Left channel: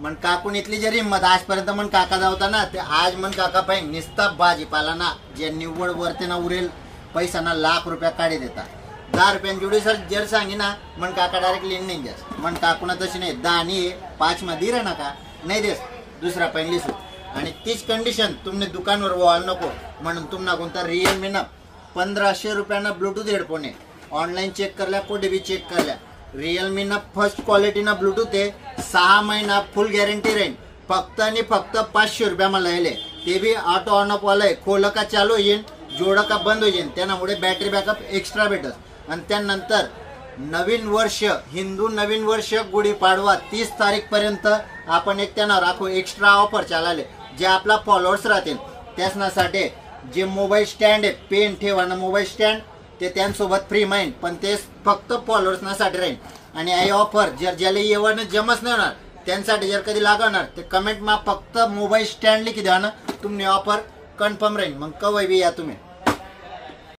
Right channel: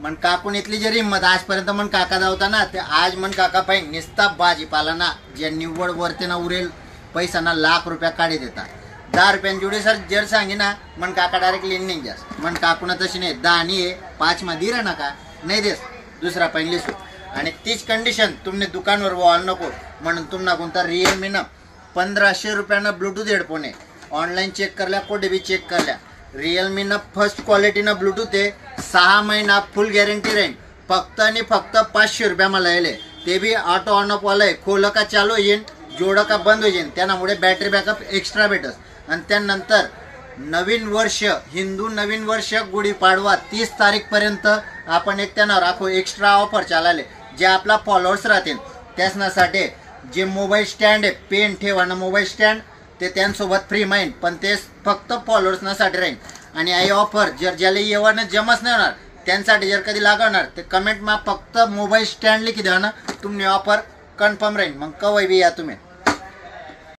मन काकून इथली जरी हिंमत आजपर्यंत मन काका जावता ना ते आज मन काका पाहिजे निस्ता भाजीपाला ना जे निव्वळ वरते ना उरेल पैसा ना ₹1,00,000 काढी देता 10 रुपयांची जोडी सर जर सांगी ना मन काका डायरेक्ट लिन नाही जास्त मन काकूना तशी नाही 10 आणि 5 मा दिरा ना का नाही देस दुसरा पहिलीस आणि तीच कंडिशन तुमने दुकानवर वॉल नको म्हणून तुम्हाला कोणता रिअलमी ना 1500 रुपयानं ब्लूटूथ हेडफोन आहे ऑनलाईन चेक करल्या कोठे बी चेक करल्या रिअलमी ना फर्स्ट क्वालिटी ना ब्लूटूथ आहे 6 महिना फुल गॅरंटी राहील फक्त आणि फक्त 500 रुपया मला यायले ते बी ऑटो ऑन ऑफ वाला आहे खोलं का चालू येईल जोडं का बंद होईल त्यामुळे बॅटरी बॅकअप एक्स्ट्रा भेटत आणि त्यानंतर नवीन वर्ष हिंदू नवीन वर्ष गुढीपाडवा 30 तारीख पर्यंत आपण एक त्यांना राखू एक्स्ट्रा ऑफर चालले जे आपला फॉलोअर्स राहतील त्यासाठी जे मोबाईल स्टँड आहे पेन ठेवाना मोबाईल स्टँड ते त्यांसोबत फ्री माइंड पण ते फक्त फॉलोअर्ससाठी राहील आणि आई ऑफर जर ज्याला येवानं जमच नाही होणार त्यांसाठी जर कधी लागणार ते कमेंट मा फक्त मोबाईल स्टँड लिखी द्या ना तुम्ही ऑफर कन्फर्म राहील मग कवय बी या तुम्ही